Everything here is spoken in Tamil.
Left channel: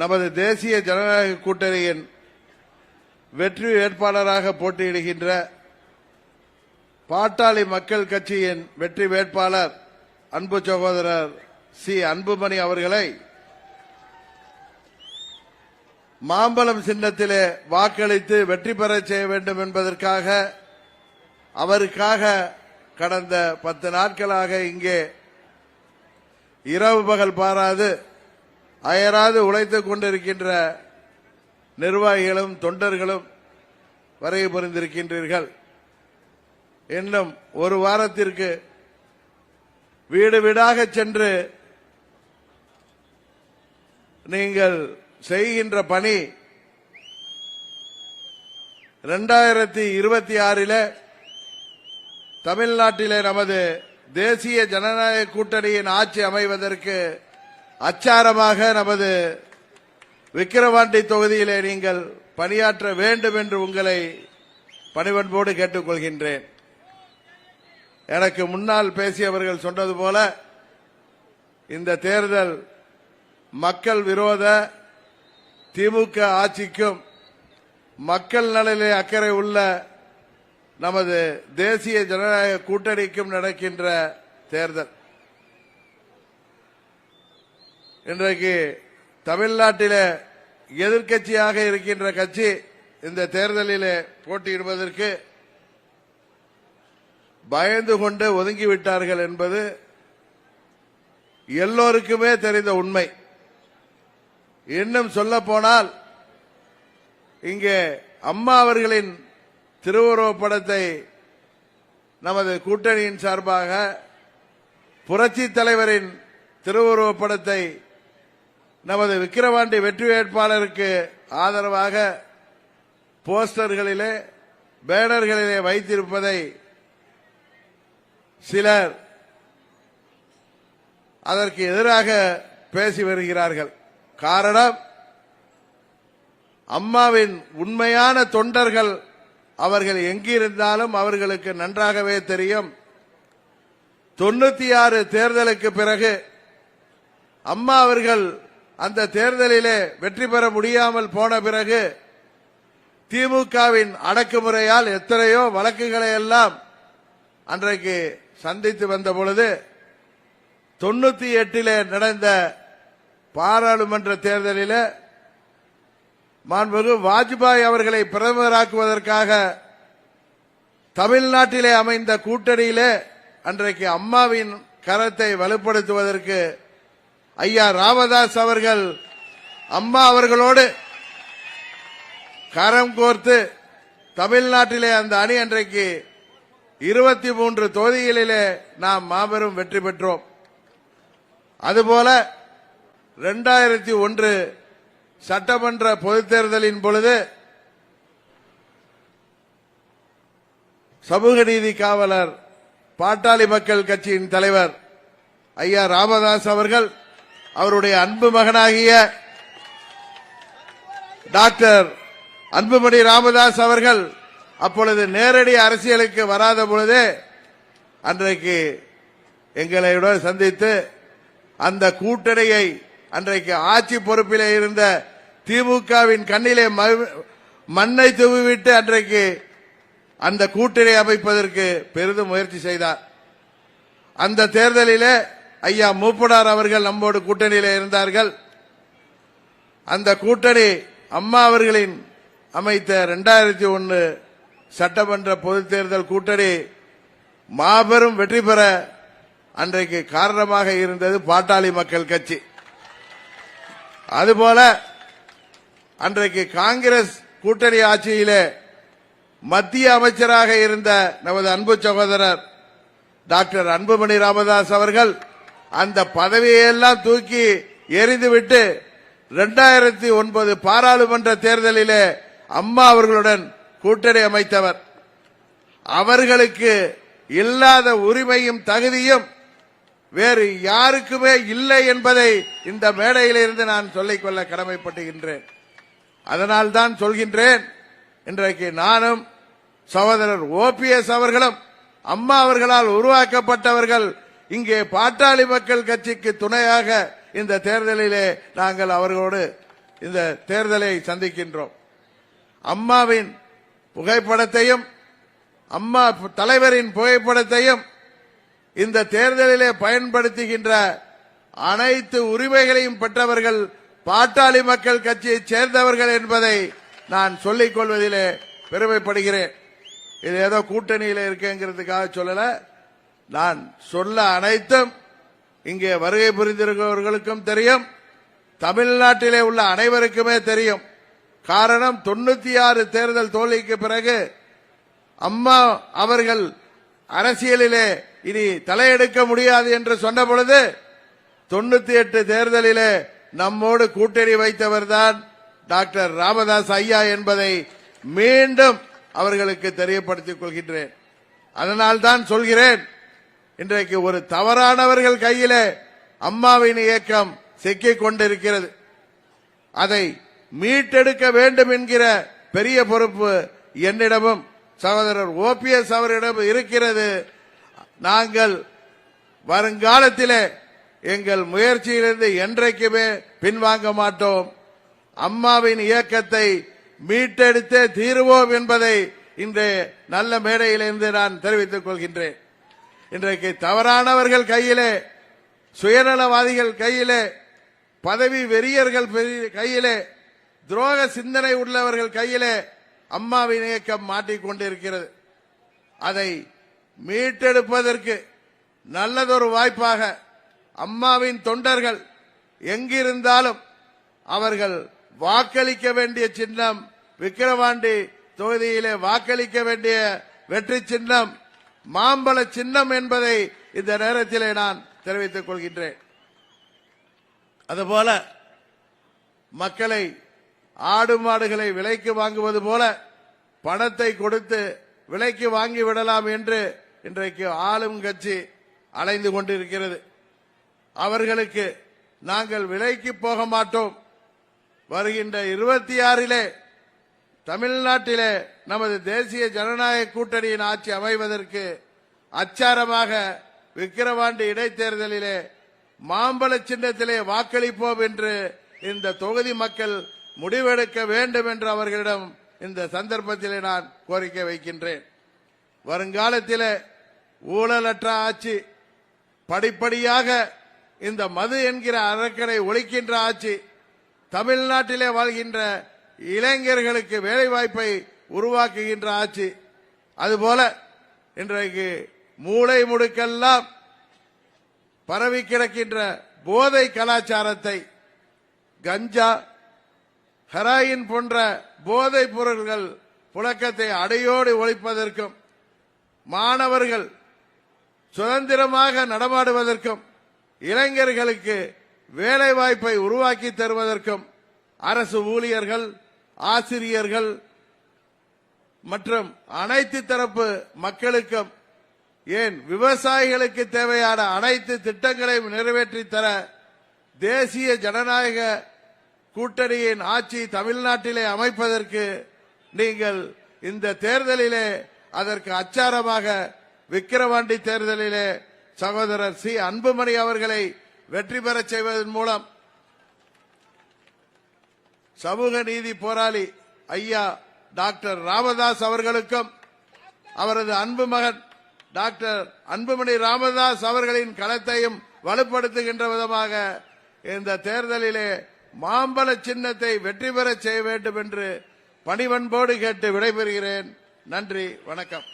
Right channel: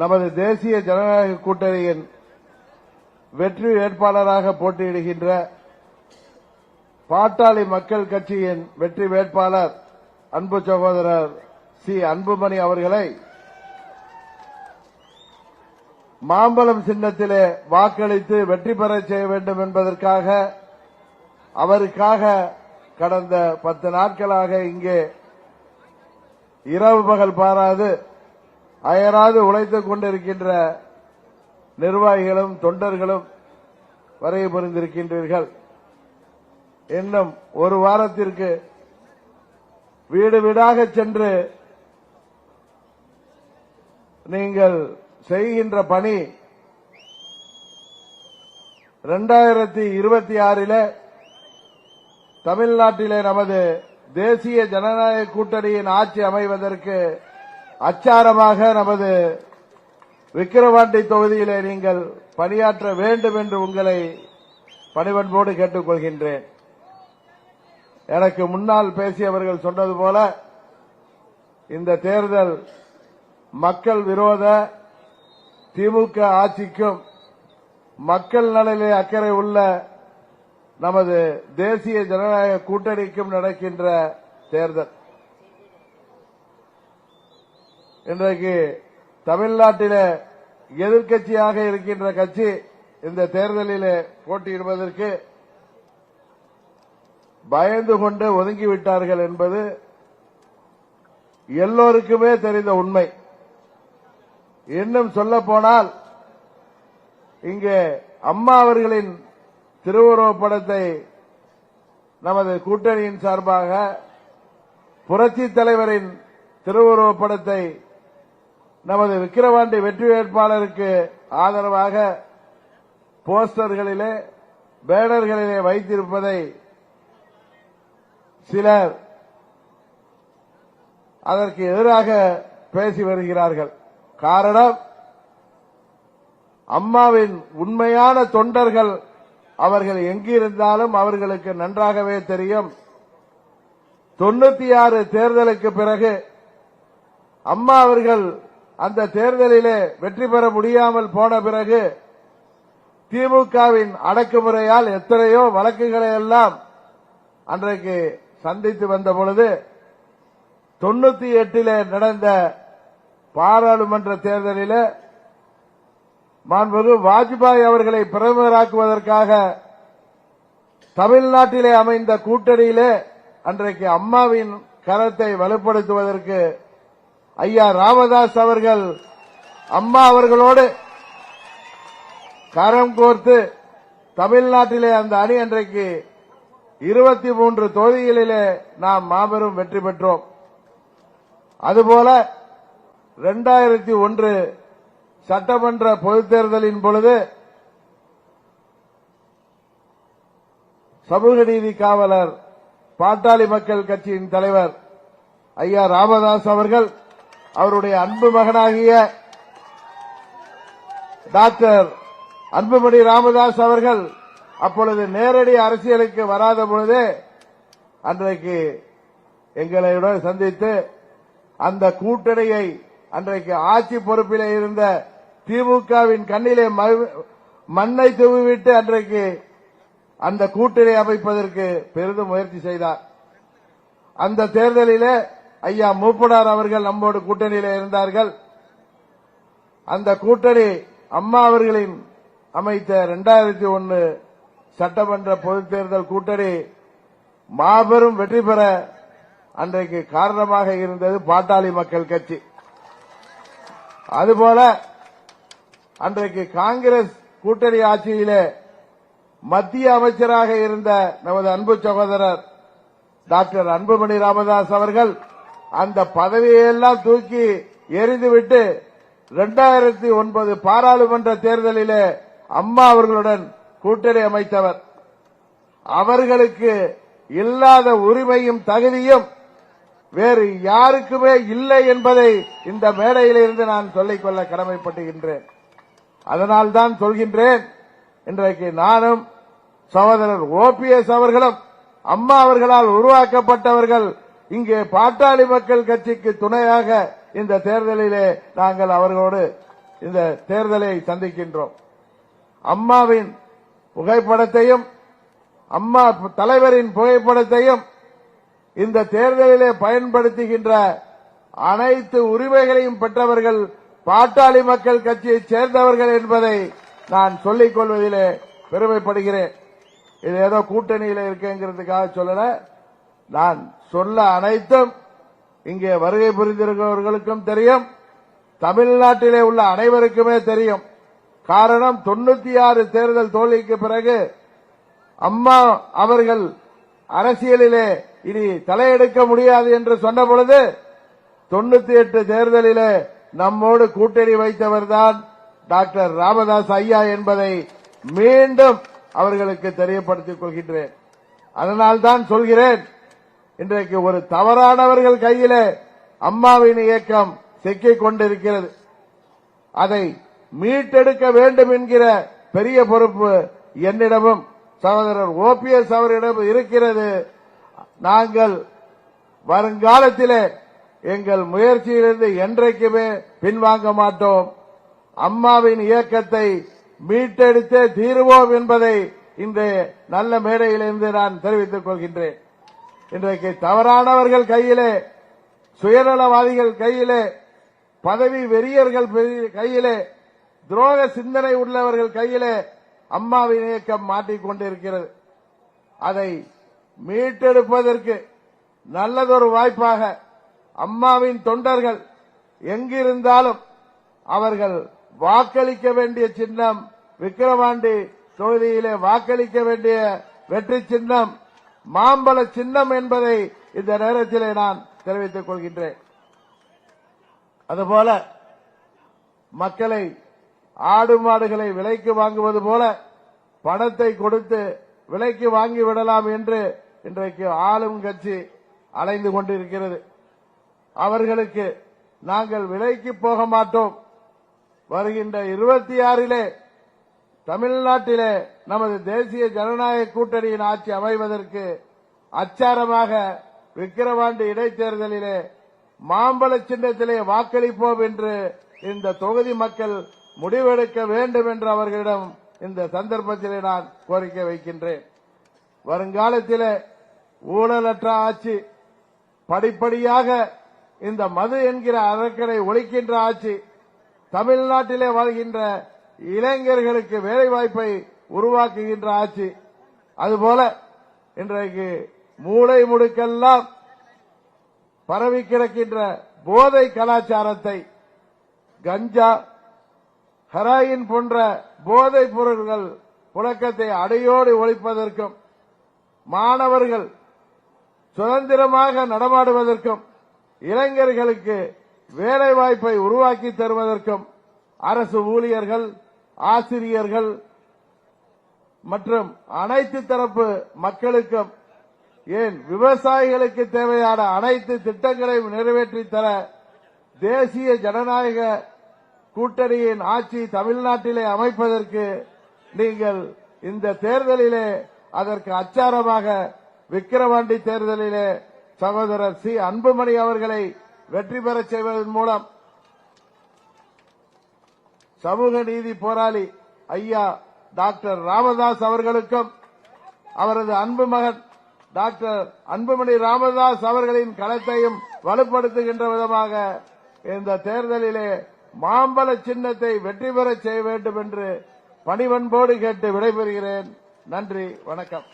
நமது தேசிய ஜனநாயக கூட்டணியின் வெற்றி வேட்பாளராக போட்டியிடுகின்ற பாட்டாளி மக்கள் கட்சியின் வெற்றி வேட்பாளர் அன்பு சகோதரர் சி அன்புமணி அவர்களை மாம்பழம் சின்னத்திலே வாக்களித்து வெற்றி பெற செய்ய வேண்டும் என்பதற்காக அவருக்காக கடந்த 10 நாட்களாக இங்கே இரவு பகல் பாராது அயராது உழைத்துக் கொண்டிருக்கின்ற நிர்வாகிகளும் தொண்டர்களும் வருகை புரிந்திருக்கின்றீர்கள். இன்னும் ஒரு வாரத்திற்கு வீடு வீடாக சென்று நீங்கள் செய்கின்ற பணி 2026 தமிழ்நாட்டிலே நமது தேசிய ஜனநாயக கூட்டணியின் ஆட்சி அமைவதற்கு அச்சாரமாக நமது விக்கிரவாண்டி தொகுதியிலே நீங்கள் பணியாற்ற வேண்டும் என்று உங்களை பணிவன்போடு கேட்டுக்கொள்கின்றேன். எனக்கு முன்னால் பேசியவர்கள் சொன்னது போல இந்த தேர்தல் மக்கள் விரோத திமுக ஆட்சிக்கும் மக்கள் நலனிலே அக்கறை உள்ள நமது தேசிய ஜனநாயக கூட்டணிக்கும் நடக்கின்ற தேர்தல். இன்றைக்கு தமிழ்நாட்டிலே எதிர்க்கட்சியாக இருக்கின்ற கட்சி இந்த தேர்தலிலே போட்டியிடுவதற்கு பயந்து கொண்டு ஒதுங்கிவிட்டார்கள் என்பது எல்லோருக்குமே தெரிந்த உண்மை. இன்னும் சொல்ல போனால் இங்கே அம்மா அவர்களின் திருவுருவப் படத்தை நமது கூட்டணியின் சார்பாக புரட்சி தலைவரின் திருவுருவப் படத்தை நமது விக்கிரவாண்டி வெற்றி வேட்பாளருக்கு ஆதரவாக போஸ்டர்களிலே பேனர்களிலே வைத்திருப்பதை சிலர் அதற்கு எதிராக பேசி வருகிறார்கள். காரணம், அம்மாவின் உண்மையான தொண்டர்கள் அவர்கள் எங்கிருந்தாலும் அவர்களுக்கு நன்றாகவே தெரியும். 96 தேர்தலுக்கு பிறகு அம்மா அவர்கள் அந்த தேர்தலிலே வெற்றி பெற முடியாமல் போன பிறகு திமுகவின் அடக்குமுறையால் எத்தனையோ வழக்குகளை எல்லாம் அன்றைக்கு சந்தித்து வந்த பொழுது 98 நடந்த பாராளுமன்ற தேர்தலில் மாண்புமிகு வாஜ்பாய் அவர்களை பிரதமராக்குவதற்காக தமிழ்நாட்டிலே அமைந்த கூட்டணியிலே அன்றைக்கு அம்மாவின் கரத்தை வலுப்படுத்துவதற்கு ஐயா ராமதாஸ் அவர்கள் அம்மா அவர்களோடு கரம் கோர்த்து தமிழ்நாட்டிலே அந்த அணி அன்றைக்கு 23 தொகுதிகளிலே நாம் மாபெரும் வெற்றி பெற்றோம். அதுபோல 2001 சட்டமன்ற பொதுத் தேர்தலின் பொழுது சமூக நீதி காவலர் பாட்டாளி மக்கள் கட்சியின் தலைவர் ஐயா ராமதாஸ் அவர்கள் அவருடைய அன்பு மகனாகிய டாக்டர் அன்புமணி ராமதாஸ் அவர்கள் அப்பொழுது நேரடி அரசியலுக்கு வராத பொழுதே அன்றைக்கு எங்களோடு சந்தித்து அந்த கூட்டணியை அன்றைக்கு ஆட்சி பொறுப்பிலே இருந்த திமுகவின் கண்ணிலே மண்ணை தூவிவிட்டு அன்றைக்கு அந்த கூட்டணி அமைப்பதற்கு பெரிதும் முயற்சி செய்தார். அந்த தேர்தலிலே ஐயா மூப்பனார் அவர்கள் நம்மோடு கூட்டணியிலே இருந்தார்கள். அந்த கூட்டணி அம்மா அவர்களின் அமைத்த 2001 சட்டமன்ற பொதுத் தேர்தல் கூட்டணி மாபெரும் வெற்றி பெற அன்றைக்கு காரணமாக இருந்தது பாட்டாளி மக்கள் கட்சி. அதுபோல அன்றைக்கு காங்கிரஸ் கூட்டணி ஆட்சியிலே மத்திய அமைச்சராக இருந்த நமது அன்பு சகோதரர் டாக்டர் அன்புமணி ராமதாஸ் அவர்கள் அந்த பதவியெல்லாம் தூக்கி எறிந்துவிட்டு 2009 பாராளுமன்ற தேர்தலிலே அம்மா அவர்களுடன் கூட்டணி அமைத்தவர். அவர்களுக்கு இல்லாத உரிமையும் தகுதியும் வேறு யாருக்குமே இல்லை என்பதை இந்த மேடையிலிருந்து நான் சொல்லிக்கொள்ள கடமைப்பட்டுகின்றேன். அதனால்தான் சொல்கின்றேன், இன்றைக்கு நானும் சகோதரர் ஓபிஎஸ் அவர்களும் அம்மா அவர்களால் உருவாக்கப்பட்டவர்கள் இங்கே பாட்டாளி மக்கள் கட்சிக்கு துணையாக இந்த தேர்தலிலே நாங்கள் அவர்களோடு இந்த தேர்தலை சந்திக்கின்றோம். அம்மாவின் புகைப்படத்தையும் அம்மா தலைவரின் புகைப்படத்தையும் இந்த தேர்தலிலே பயன்படுத்துகின்ற அனைத்து உரிமைகளையும் பெற்றவர்கள் பாட்டாளி மக்கள் கட்சியைச் சேர்ந்தவர்கள் என்பதை நான் சொல்லிக் கொள்வதிலே பெருமைப்படுகிறேன். இது ஏதோ கூட்டணியில் இருக்குங்கிறதுக்காக சொல்லல. நான் சொல்ல அனைத்தும் இங்கே வருகை புரிந்திருக்கிறவர்களுக்கும் தெரியும், தமிழ்நாட்டிலே உள்ள அனைவருக்குமே தெரியும். காரணம் 96 தேர்தல் தோல்விக்கு பிறகு அம்மா அவர்கள் அரசியலிலே இனி தலையெடுக்க முடியாது என்று சொன்ன பொழுது 98 தேர்தலிலே நம்மோடு கூட்டணி வைத்தவர்தான் டாக்டர் ராமதாஸ் ஐயா என்பதை மீண்டும் அவர்களுக்கு தெரியப்படுத்திக் கொள்கின்றேன். அதனால்தான் சொல்கிறேன், இன்றைக்கு ஒரு தவறானவர்கள் கையிலே அம்மாவின் இயக்கம் சிக்கிக் கொண்டிருக்கிறது. அதை மீட்டெடுக்க வேண்டும் என்கிற பெரிய பொறுப்பு என்னிடமும் சகோதரர் OPS அவரிடம் இருக்கிறது. நாங்கள் வருங்காலத்திலே எங்கள் முயற்சியிலிருந்து என்றைக்குமே பின்வாங்க மாட்டோம். அம்மாவின் இயக்கத்தை மீட்டெடுத்தே தீருவோம் என்பதை இன்றைய நல்ல மேடையிலிருந்து நான் தெரிவித்துக் கொள்கின்றேன். இன்றைக்கு தவறானவர்கள் கையிலே, சுயநலவாதிகள் கையிலே, பதவி வெறியர்கள் கையிலே, துரோக சிந்தனை உள்ளவர்கள் கையிலே அம்மாவின் இயக்கம் மாட்டிக்கொண்டிருக்கிறது. அதை மீட்டெடுப்பதற்கு நல்லதொரு வாய்ப்பாக அம்மாவின் தொண்டர்கள் எங்கிருந்தாலும் அவர்கள் வாக்களிக்க வேண்டிய சின்னம், விக்கிரவாண்டி தொகுதியிலே வாக்களிக்க வேண்டிய வெற்றி சின்னம் மாம்பழ சின்னம் என்பதை இந்த நேரத்திலே நான் தெரிவித்துக் கொள்கின்றேன். அதுபோல மக்களை, ஆடு மாடுகளை விலைக்கு வாங்குவது போல பணத்தை கொடுத்து விலைக்கு வாங்கி விடலாம் என்று இன்றைக்கு ஆளும் கட்சி அலைந்து கொண்டிருக்கிறது. அவர்களுக்கு நாங்கள் விலைக்கு போக மாட்டோம். வருகின்ற 26 தமிழ்நாட்டிலே நமது தேசிய ஜனநாயக கூட்டணியின் ஆட்சி அமைவதற்கு அச்சாரமாக விக்கிரவாண்டி இடைத்தேர்தலிலே மாம்பழ சின்னத்திலே வாக்களிப்போம் என்று இந்த தொகுதி மக்கள் முடிவெடுக்க வேண்டும் என்று அவர்களிடம் இந்த சந்தர்ப்பத்திலே நான் கோரிக்கை வைக்கின்றேன். வருங்காலத்திலே ஊழலற்ற ஆட்சி, படிப்படியாக இந்த மது என்கிற அரக்கனை ஒழிக்கின்ற ஆட்சி, தமிழ்நாட்டிலே வாழ்கின்ற இளைஞர்களுக்கு வேலைவாய்ப்பை உருவாக்குகின்ற ஆட்சி, அதுபோல இன்றைக்கு மூளை முடுக்கெல்லாம் பரவி கிடக்கின்ற போதை கலாச்சாரத்தை, கஞ்சா, ஹெராயின் போன்ற போதைப் பொருள்கள் புழக்கத்தை அடையோடு ஒழிப்பதற்கும், மாணவர்கள் சுதந்திரமாக நடமாடுவதற்கும், இளைஞர்களுக்கு வேலை வாய்ப்பை உருவாக்கி தருவதற்கும் அரசு ஊழியர்கள், ஆசிரியர்கள் மற்றும் அனைத்து தரப்பு மக்களுக்கும், ஏன் விவசாயிகளுக்கு தேவையான அனைத்து திட்டங்களையும் நிறைவேற்றி தர தேசிய ஜனநாயக கூட்டணியின் ஆட்சி தமிழ்நாட்டிலே அமைப்பதற்கு நீங்கள் இந்த தேர்தலிலே அதற்கு அச்சாரமாக விக்கிரவாண்டி தேர்தலிலே சகோதரர் சி அன்புமணி அவர்களை வெற்றி பெறச் செய்வதன் மூலம் சமூக நீதி போராளி ஐயா டாக்டர் ராமதாஸ் அவர்களுக்கும் அவரது அன்பு மகன் டாக்டர் அன்புமணி ராமதாஸ் அவர்களின் களத்தையும் வலுப்படுத்துகின்ற விதமாக இந்த தேர்தலிலே மாம்பழ சின்னத்தை வெற்றி பெறச் செய்ய வேண்டும் என்று பணிவன்போடு கேட்டு விடைபெறுகிறேன். நன்றி, வணக்கம்.